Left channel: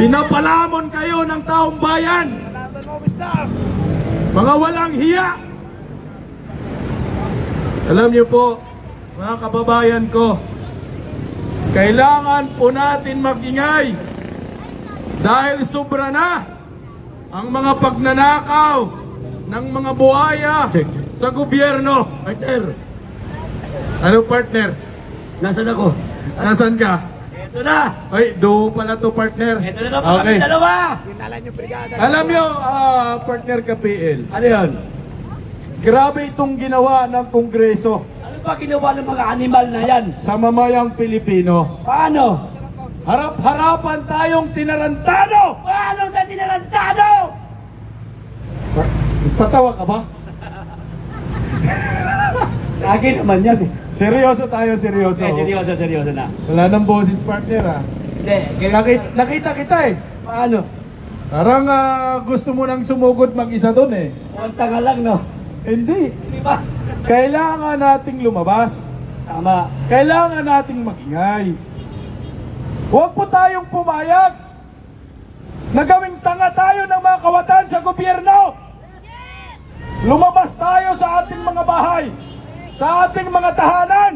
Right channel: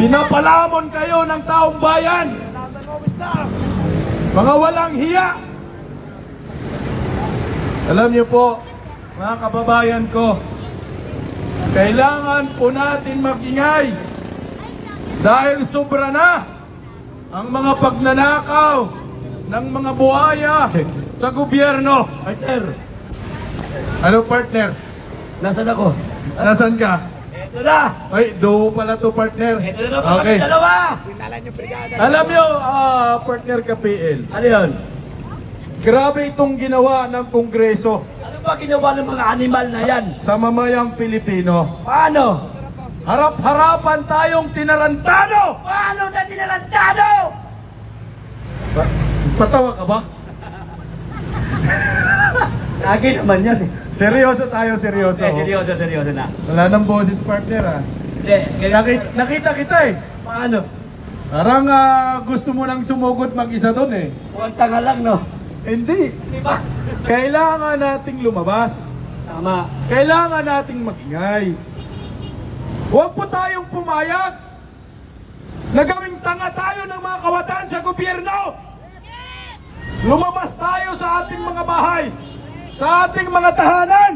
Pinapalamon kayo ng taong bayan. Mga walang hiya. Alam niyo po, mga kababayan ko, kailangan po natin mag-ingay dahil sobra na ang mga pagnanakaw ng mga buhaya sa gobyerno. Partner, Ano partner? nasaan ako? Nasaan ka? Ito na! Ay, do pala to partner. Ito na naman kami dalawa! Alam niyo, partner ka PL, Ano yun? grabe itong ginawa ng Kongreso Ano ba ginawa ng mga animal na yan? sa mamayang Pilipino. Paano? Harap-harapan tayong tinarantado! Paano na tinarantado? Patawa ka ba? Lagi naman yan eh. Seryoso tayo, seryoso. Seryoso na. Wala nang boses partner Hindi, Nakita kita eh. paano? Parang gusto mo nang sumugod mag-isa doon eh. Kuwanta nga lang, no? Hindi. Di ba? Kailangan nating lumabas. Tama. Kailangan nating magingay. Huwag po tayong pumayag na gawing tanga tayo ng mga kawatan sa gobyerno. Lumabas tayo sa ating mga bahay, sa ating mga tahanan.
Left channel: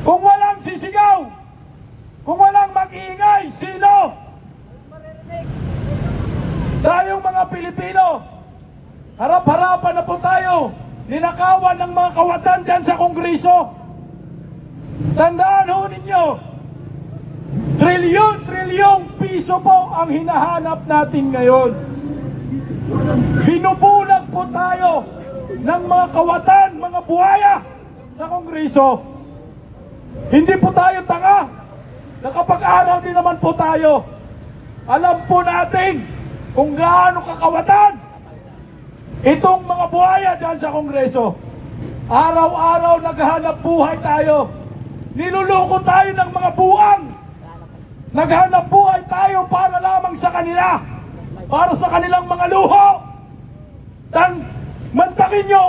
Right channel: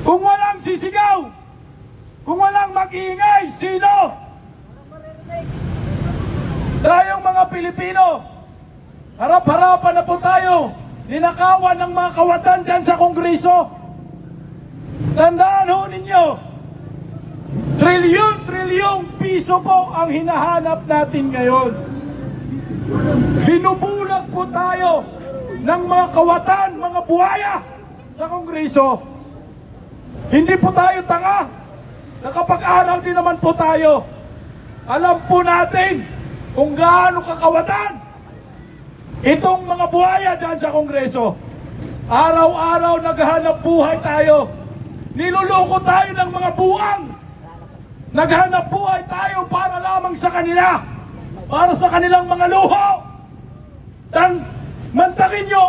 Kung walang sisigaw, kung walang mag-iingay, sino? Tayong mga Pilipino, harap-harapan na po tayo, ninakawan ng mga kawatan dyan sa Kongreso. Tandaan ho ninyo, trilyon-trilyong piso po ang hinahanap natin ngayon. Binubulag po tayo ng mga kawatan, mga buhaya sa Kongreso. Hindi po tayo tanga. Nakapag-aral din naman po tayo. Alam po natin kung gaano kakawatan itong mga buhaya dyan sa Kongreso. Araw-araw naghahanap buhay tayo. Niluloko tayo ng mga buwang. Naghanap buhay tayo para lamang sa kanila, para sa kanilang mga luho. Mantakin nyo,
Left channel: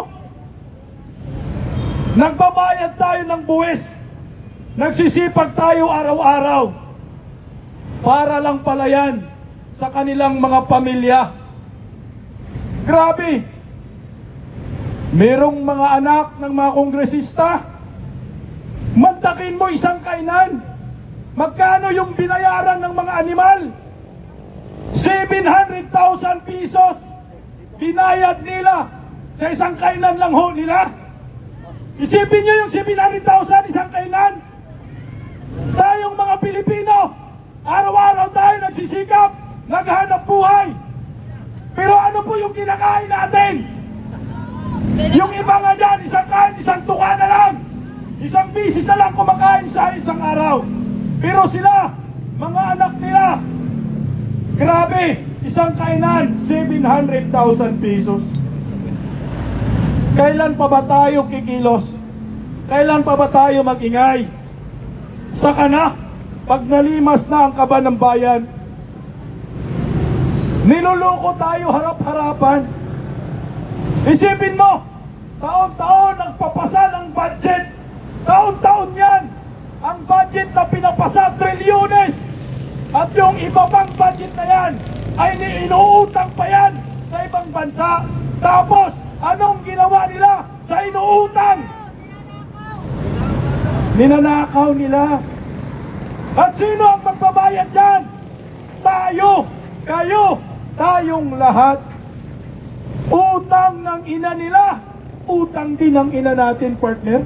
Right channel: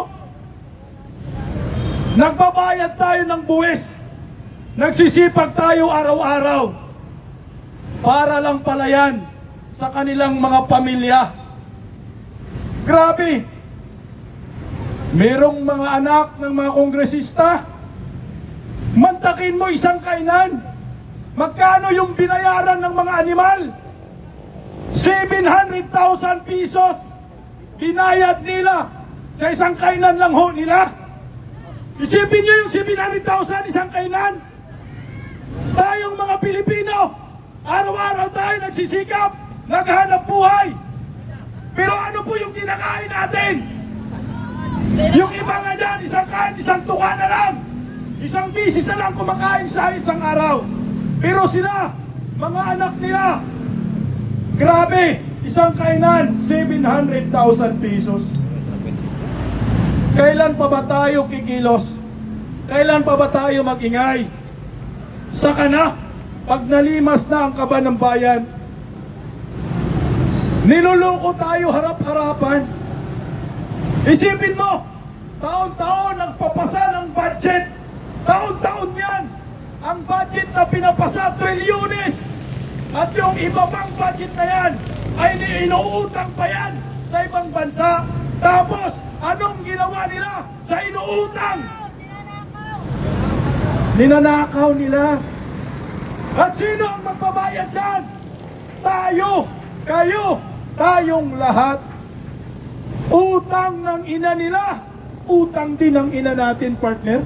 nagbabayad tayo ng buwis, nagsisipag tayo araw-araw para lang pala yan sa kanilang mga pamilya. Grabe, merong mga anak ng mga kongresista, mantakin mo isang kainan. Magkano yung binayaran ng mga animal? 700,000 pesos binayad nila sa isang kainan lang ho nila. Isipin nyo yung 700,000 isang kainan. Tayong mga Pilipino, araw-araw tayo nagsisikap, naghanap buhay. Pero ano po yung kinakain natin? Yung iba nga dyan, isang kain, isang tuka na lang. Isang bisis na lang kumakain sa isang araw. Pero sila, mga anak nila, grabe, isang kainan, 700,000 pesos. Kailan pa ba tayo kikilos? Kailan pa ba tayo mag-ingay? Saka na, pag nalimas na ang kaba ng bayan, niluloko tayo harap-harapan. Isipin mo, taon-taon nagpapasa ng budget. Taon-taon yan. Ang budget na pinapasa, trilyones. At yung iba pang budget na yan, ay inuutang pa yan sa ibang bansa. Tapos, anong ginawa nila sa inuutang? Ninanakaw nila. At sino ang magbabayad dyan? Tayo, kayo, tayong lahat. Utang ng ina nila, utang din ng ina natin, partner.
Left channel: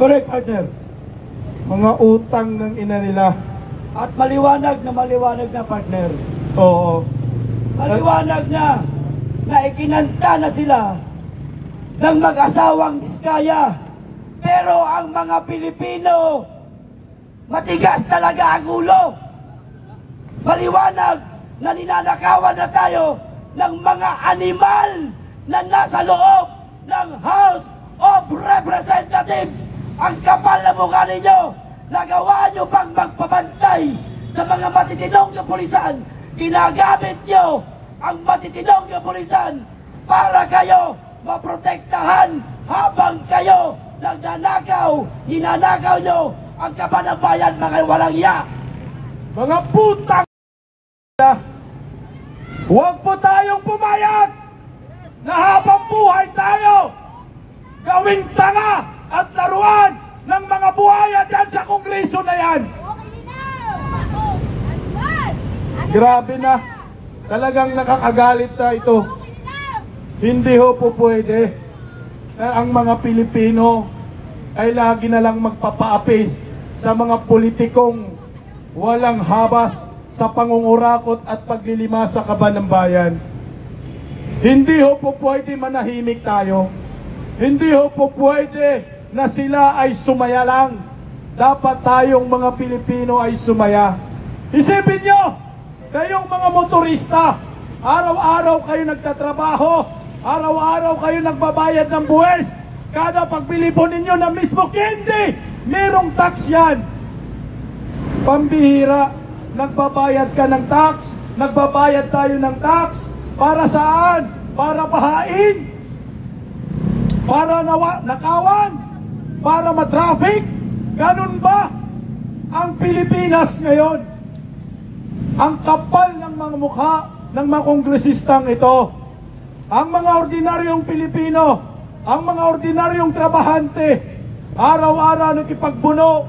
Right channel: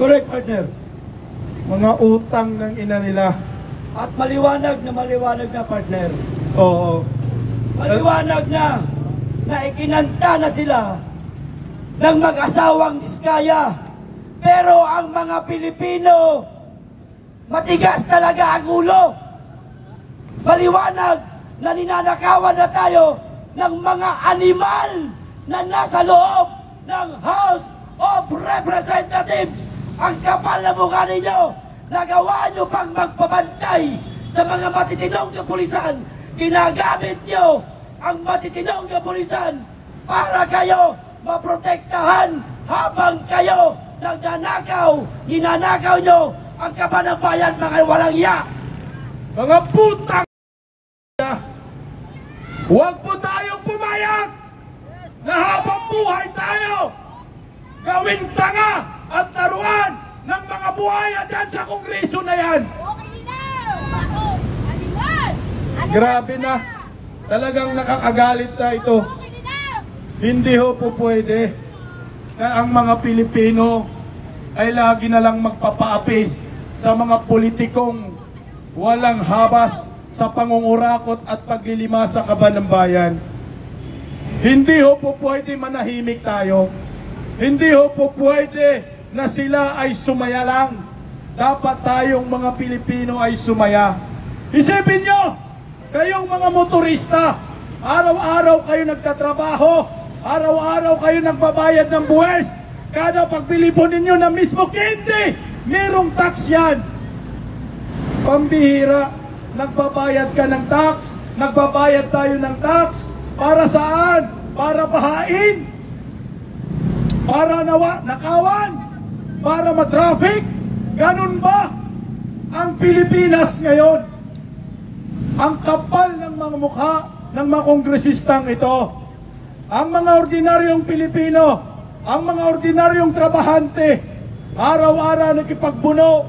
Correct, partner. Mga utang ng ina nila. At maliwanag na, partner. Oo. Maliwanag na ikinanta na sila ng mag-asawang Diskaya. Pero ang mga Pilipino, matigas talaga ang ulo. Maliwanag na ninanakawan na tayo ng mga animal na nasa loob ng House of Representatives. Ang kapal na mukha ninyo, nagawa nyo pang magpabantay sa mga matitinong na pulisan. Ginagamit nyo ang matitinong na pulisan para kayo maprotektahan habang kayo nagnanakaw. Ninanakaw nyo ang kaban ng bayan, mga walang iya. Mga putang Huwag po tayong pumayag na habang buhay tayo gawing tanga at laruan ng mga buhaya dyan sa kongreso na yan. Grabe na. Talagang nakakagalit na ito. Hindi ho po pwede na ang mga Pilipino ay lagi na lang magpapaapi sa mga politikong walang habas sa pangungurakot at paglilima sa kaban ng bayan. Hindi ho po pwede manahimik tayo. Hindi ho po pwede na sila ay sumaya lang. Dapat tayong mga Pilipino ay sumaya. Isipin nyo, kayong mga motorista, araw-araw kayo nagtatrabaho, araw-araw kayo nagbabayad ng buwes, kada pagbili po ninyo na mismo hindi, merong tax yan. Pambihira, nagbabayad ka ng tax, nagbabayad tayo ng tax, para saan? Para bahain? Para nakawan? Para matraffic? Ganun ba ang Pilipinas ngayon? Ang kapal ng mga mukha ng mga kongresistang ito. Ang mga ordinaryong Pilipino, ang mga ordinaryong trabahante, araw-araw nakipagbuno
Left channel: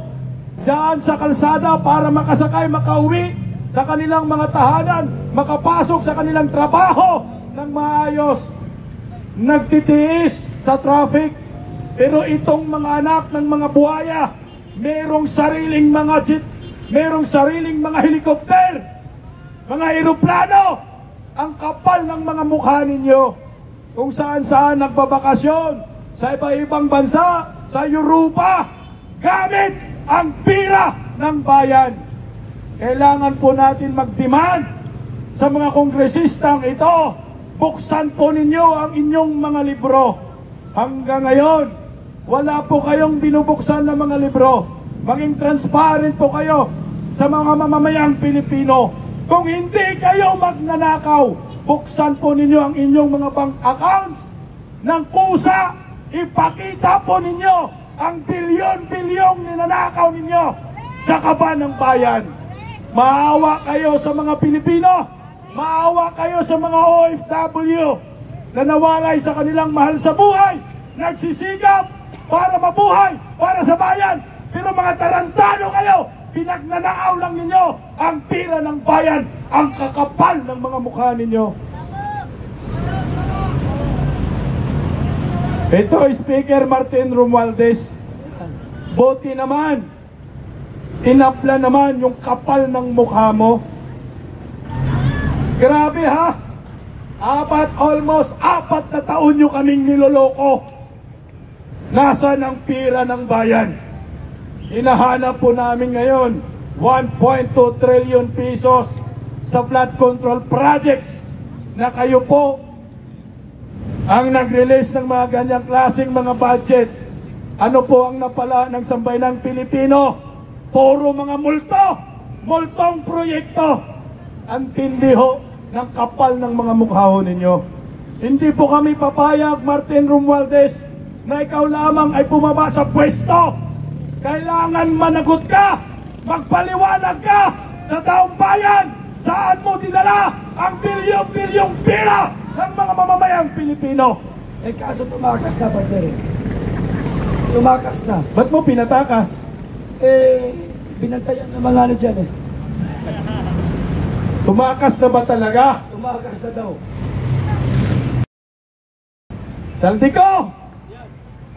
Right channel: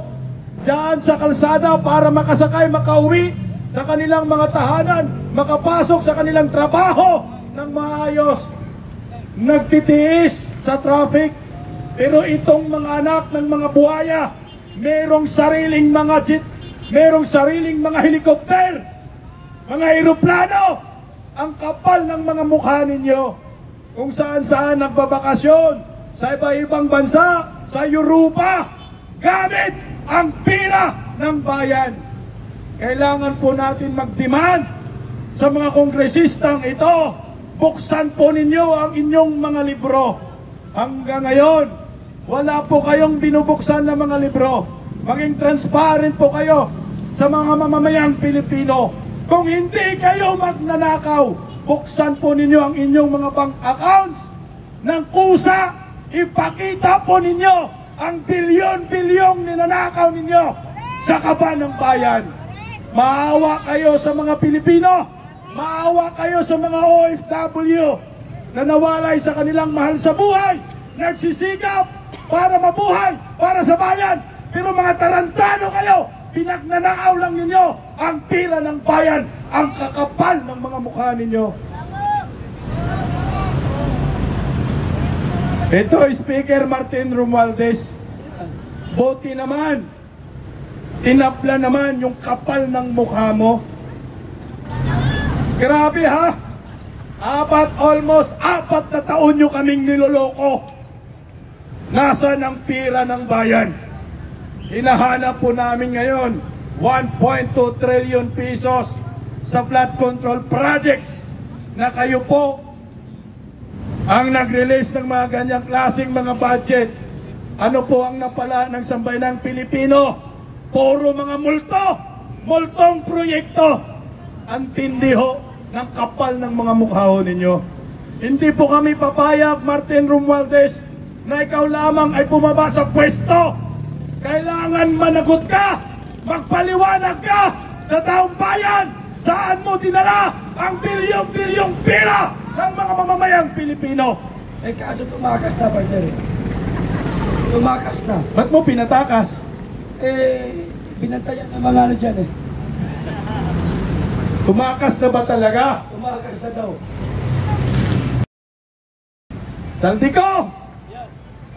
diyan sa kalsada para makasakay, makauwi sa kanilang mga tahanan, makapasok sa kanilang trabaho ng maayos. Nagtitiis sa traffic, pero itong mga anak ng mga buhaya, merong sariling mga jet, merong sariling mga helikopter, mga eroplano. Ang kapal ng mga mukha ninyo, kung saan-saan nagbabakasyon, sa iba-ibang bansa, sa Europa, gamit ang pira ng bayan. Kailangan po natin mag-demand sa mga kongresistang ito, buksan po ninyo ang inyong mga libro. Hanggang ngayon, wala po kayong binubuksan na mga libro. Maging transparent po kayo sa mga mamamayang Pilipino. Kung hindi kayo magnanakaw, buksan po ninyo ang inyong mga bank accounts ng kusa. Ipakita po ninyo ang bilyon-bilyong ninanakaw ninyo sa kaban ng bayan. Maawa kayo sa mga Pilipino. Maawa kayo sa mga OFW na nawalay sa kanilang mahal sa buhay, nagsisigap para mabuhay, para sa bayan. Pero mga tarantado kayo, pinagnanakaw lang ninyo ang pira ng bayan, ang kakapal ng mga mukha ninyo. Ito, Speaker Martin Romualdez, buti naman, tinapla naman yung kapal ng mukha mo. Grabe ha, almost 4 na taon nyo kaming niloloko. Nasaan ang pira ng bayan? Hinahanap po namin ngayon 1.2 trillion pesos sa flood control projects na kayo po ang nag-release ng mga ganyang klaseng mga budget. Ano po ang napala ng sambayanang Pilipino? Puro mga multong proyekto. Ang tindi ho ng kapal ng mga mukha ho ninyo. Hindi po kami papayag, Martin Romualdez, na ikaw lamang ay bumaba sa pwesto. Kailangan managot ka, magpaliwanag ka sa taong bayan, saan mo dinala ang bilyong-bilyong pira ng mga mamamayang Pilipino. Eh kaso tumakas na, partner. Tumakas na. Ba't mo pinatakas? Eh, binantayan ng mga ano dyan eh. Tumakas na ba talaga? Tumakas na daw. Saldico!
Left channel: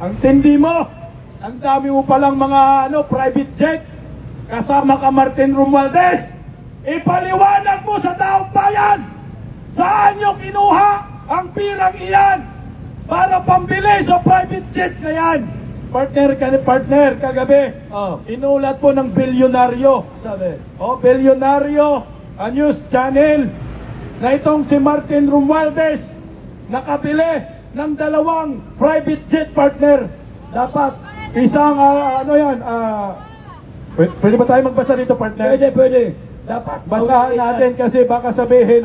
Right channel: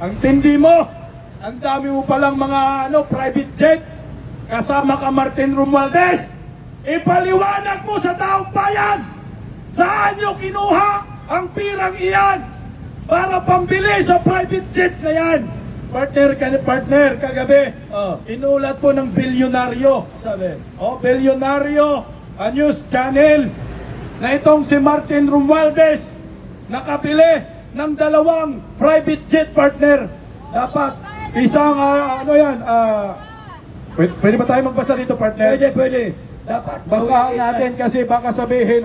Ang tindi mo! Ang dami mo palang mga private jet. Kasama ka, Martin Romualdez. Ipaliwanag mo sa taong bayan. Saan nyo kinuha ang pirang iyan para pambili sa private jet na yan? Partner, kagabi, inulat po ng bilyonaryo. Sabi? Bilyonaryo, a news channel, na itong si Martin Romualdez nakabili ng 2 private jet, partner. Dapat. Isang, pwede ba tayo magbasa dito, partner? Pwede. Dapat. Basahan natin kasi baka sabihin,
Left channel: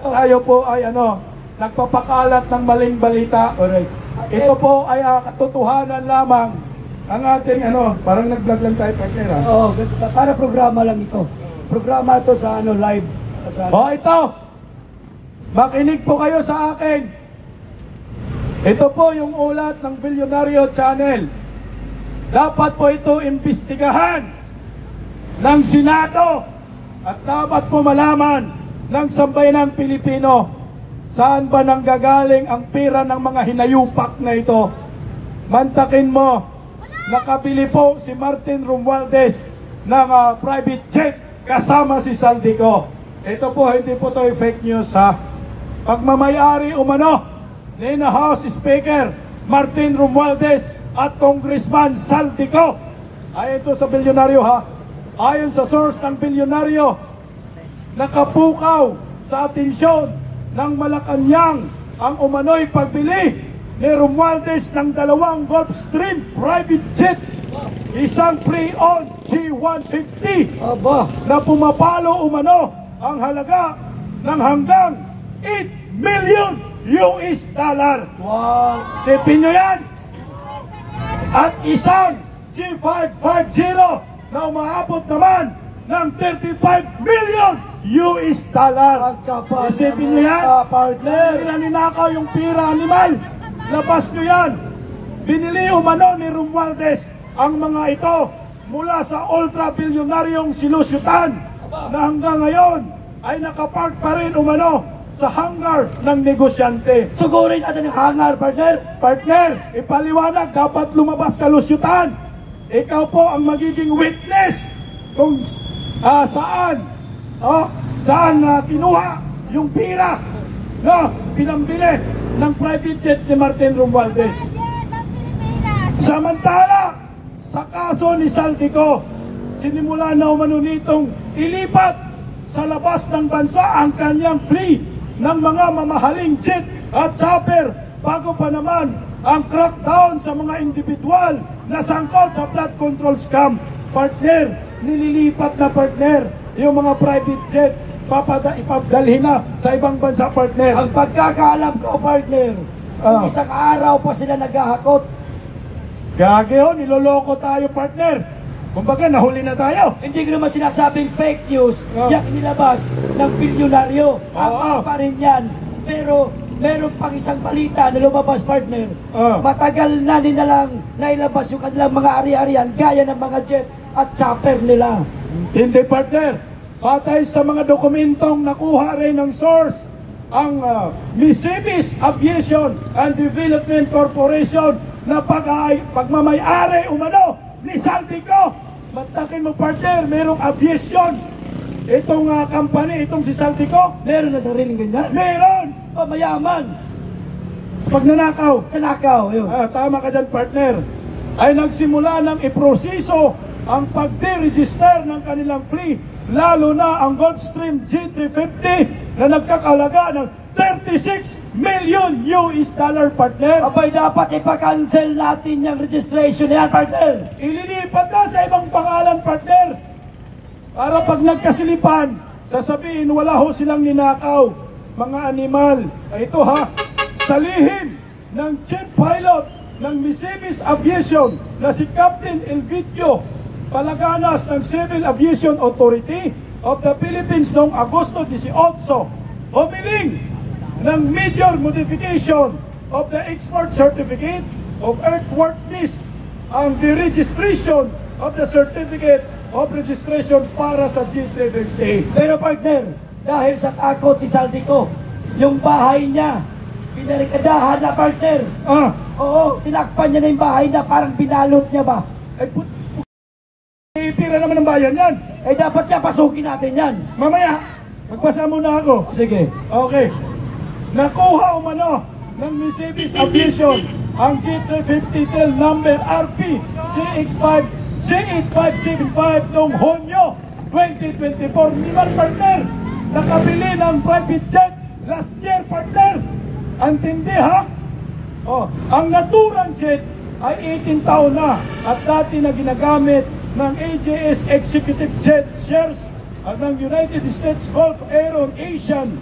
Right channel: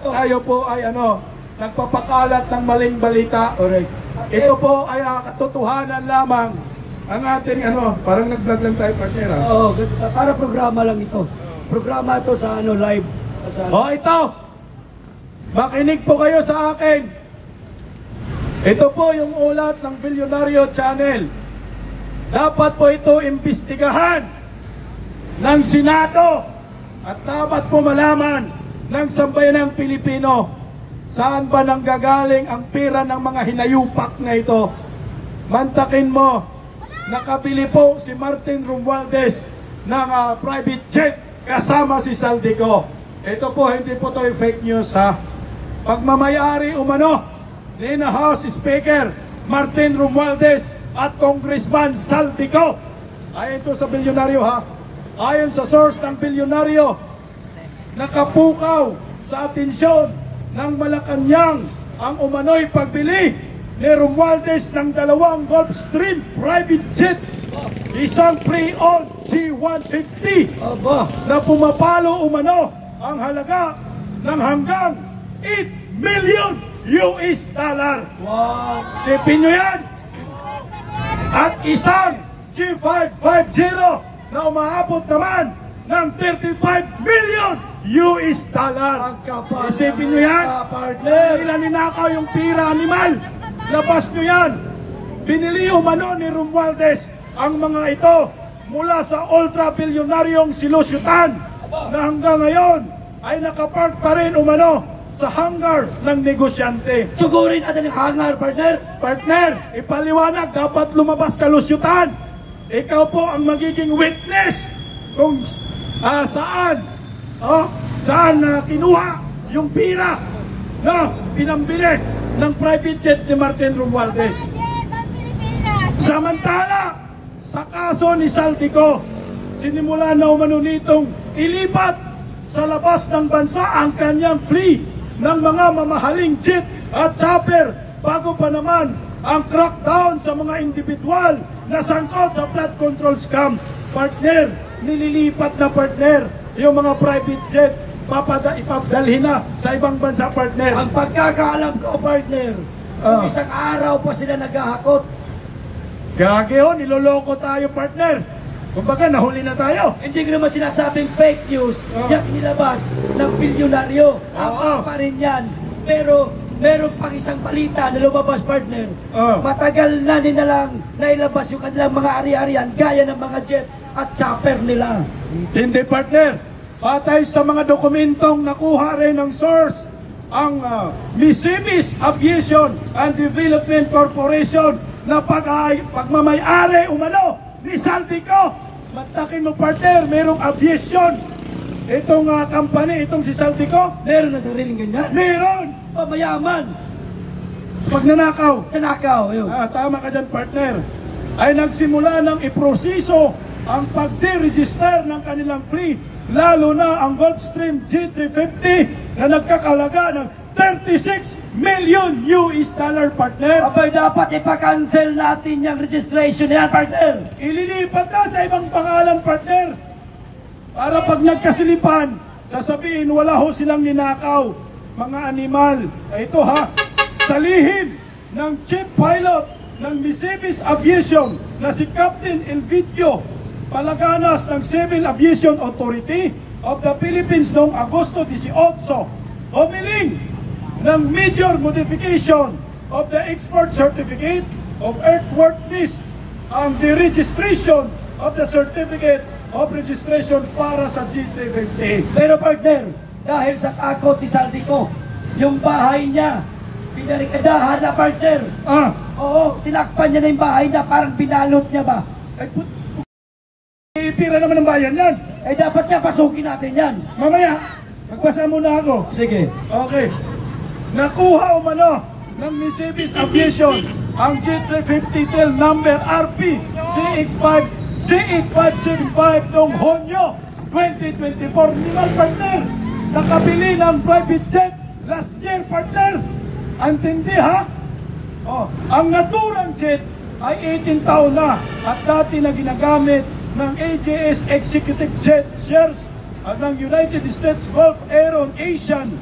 tayo po ay nagpapakalat ng maling balita. Alright. Ito po ay katotohanan lamang. Ang ating parang nag-vlog lang tayo, partner. Oo, para programa lang ito. Programa ito sa live. Ito. Makinig po kayo sa akin. Ito po yung ulat ng Bilyonaryo Channel. Dapat po ito imbestigahan ng Senado at dapat po malaman ng sambayanang Pilipino saan ba nanggagaling ang pera ng mga hinayupak na ito. Mantakin mo, nakabili po si Martin Romualdez ng private jet kasama si Saldico. Ito po, hindi po ito fake news ha. Pagmamayari umano ni House Speaker Martin Romualdez at Congressman Saldico. Ayon ito sa bilyonaryo ha. Ayon sa source ng bilyonaryo, nakapukaw sa atensyon ng Malacanang ang umano'y pagbili ni Romualdez ng 2 Gulfstream private jet, isang pre-owned G150 na pumapalo umano ang halaga ng hanggang 8 million US dollar. Wow! Sipin nyo yan! At isang G550 na umaabot naman ng 35 million US dollar. Isipin nyo yan? Ninanakaw yung pira, animal. Labas nyo yan. Binili umano ni Romualdez ang mga ito mula sa ultra-bilyonaryong silusyutan na hanggang ngayon ay nakapark pa rin umano sa hangar ng negosyante. Sugurin natin yung hangar, partner. Partner, ipaliwanag, dapat lumabas kalusyutan. Ikaw po ang magiging witness kung saan kinuha yung pira na pinambili ng private jet ni Martin Romualdez. Samantala, sa kaso ni Saldico, sinimula na umano nitong ilipat sa labas ng bansa ang kanyang fleet ng mga mamahaling jet at chopper bago pa naman ang crackdown sa mga individual na sangkot sa flood control scam. Partner, nililipat na partner yung mga private jet, ipadalhin na sa ibang bansa, partner. Ang pagkakaalam ko, partner, isang araw pa sila naghahakot. Gagi ho, niloloko tayo, partner. Kumbaga, nahuli na tayo. Hindi ko naman sinasabing fake news yung inilabas ng bilyonaryo. Pa rin yan. Pero meron pang isang balita na lumabas, partner. Matagal na nilang nailabas yung kanilang mga ari-arian gaya ng mga jet at chopper nila. Hindi, partner. Patay sa mga dokumentong nakuha rin ng source, ang Missimis Aviation and Development Corporation na pagmamayari umano ni Saldico. Mantakin mo, partner, merong aviation itong company, itong si Saldico. Meron na sariling ganyan? Meron! Mayaman. Sa pagnanakaw. Sa nakaw, yun. Tama ka dyan, partner. Ay nagsimula ng iproseso ang pagde-register ng kanilang fleet, lalo na ang Gulfstream G350 na nagkakalaga ng 36 million US dollar, partner. Abay, dapat ipa-cancel natin yung registration na yan, partner. Ililipat na sa ibang pangalan, partner. Para pag nagkasilipan, sasabihin wala ho silang ninakaw. Mga animal. Ito ha, sa lihim ng chief pilot ng Missimis Aviation na si Captain Elvidio Palaganas ng Civil Aviation Authority of the Philippines noong Agosto 18, humiling ng major modification of the export certificate of airworthiness ang deregistration of the certificate of registration para sa G350. Pero, partner, dahil sa takot ni Saldico, yung bahay niya pinarikadahan na, partner. Oo, tinakpan niya na yung bahay niya, parang binalot niya ba? Pira naman ng bayan yan. Dapat nga pasukin natin yan. Mamaya, magbasa muna ako. Sige. Okay. Nakuha umano ng Missimis Aviation ang G350 tail number RP C8575 noong Hunyo 2024. Niman, partner, nakabili ng private jet last year, partner. Antindi ha? Ang naturang jet ay 18 taon na at dati na ginagamit ng AJS Executive Jet shares at ng United States Gulf Aeron Asian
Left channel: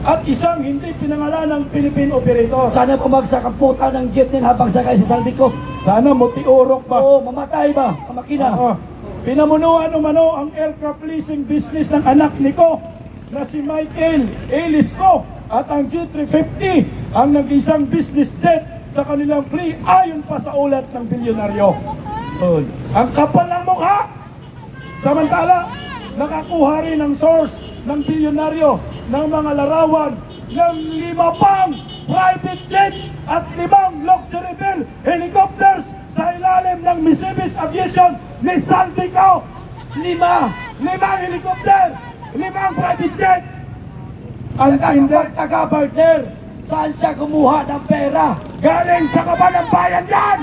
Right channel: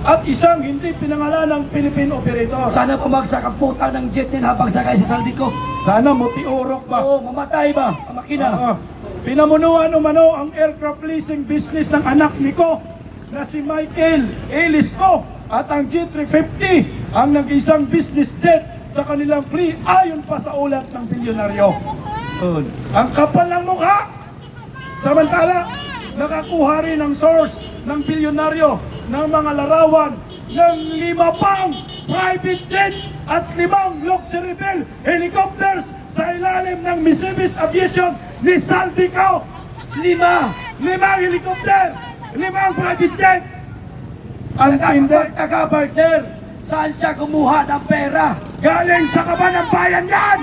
at isang hindi pinangalan ng Philippine operator. Sana pumagsak ang puta ng jet din habang sakay sa Saldico. Sana mutiurok ba? Oo, mamatay ba ang makina? Pinamunuan umano ang aircraft leasing business ng anak ni Ko na si Michael Elisco At ang G350 ang nag-isang business jet sa kanilang fleet ayon pa sa ulat ng bilyonaryo. Ang kapal ng mukha. Samantala, nakakuha rin ang source ng bilyonaryo ng mga larawan ng 5 pang private jets at 5 luxury bill helicopters sa ilalim ng Missimis Aviation ni Saldico. 5 helicopter, 5 private jet. Ang taga-partner, saan siya kumuha ng pera? galing sa kaban ng bayan yan.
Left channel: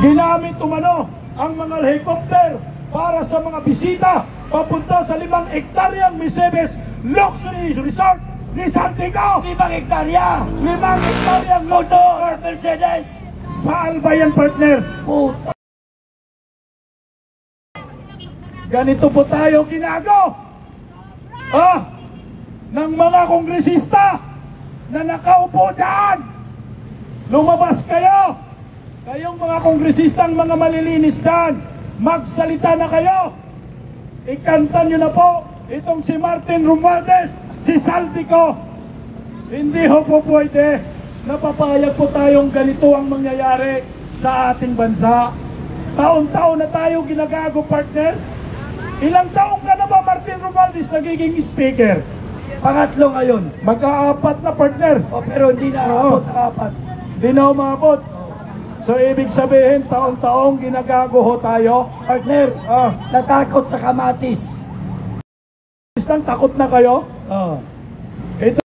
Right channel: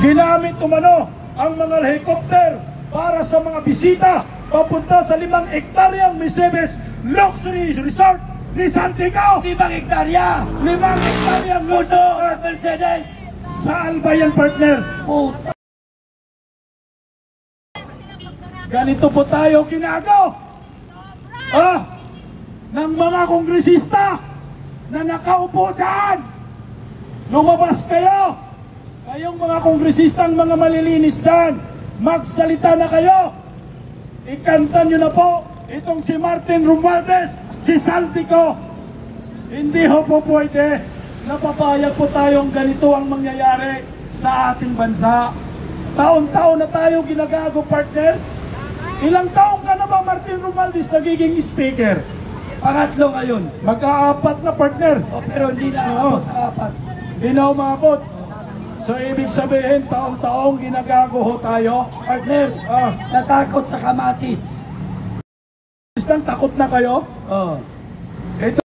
Ginamit umano ang mga helicopter para sa mga bisita papunta sa 5 hektaryang Missimis Luxury Resort ni Saldico. 5 hektarya. 5 hektaryang Puto luxury ng Mercedes. Saan ba yan, partner? Puto. Ganito po tayo ginago ng mga kongresista na nakaupo dyan. Lumabas kayo. Kayong mga kongresistang mga malilinis dyan, magsalita na kayo. Ikanta nyo na po itong si Martin Romualdez, si Saldico. Hindi ho po pwede. Napapayag po tayong ganito ang mangyayari sa ating bansa. Taon-taon na tayo ginagago, partner. Ilang taong ka na ba, Martin Romualdez, nagiging speaker? Pangatlo ngayon. Mag-aapat na, partner. Pero hindi na abot ang 4. Hindi na umabot. So, ibig sabihin, taon-taong ginagago ho tayo. Partner, natakot sa kamatis. Takot na kayo? Oo.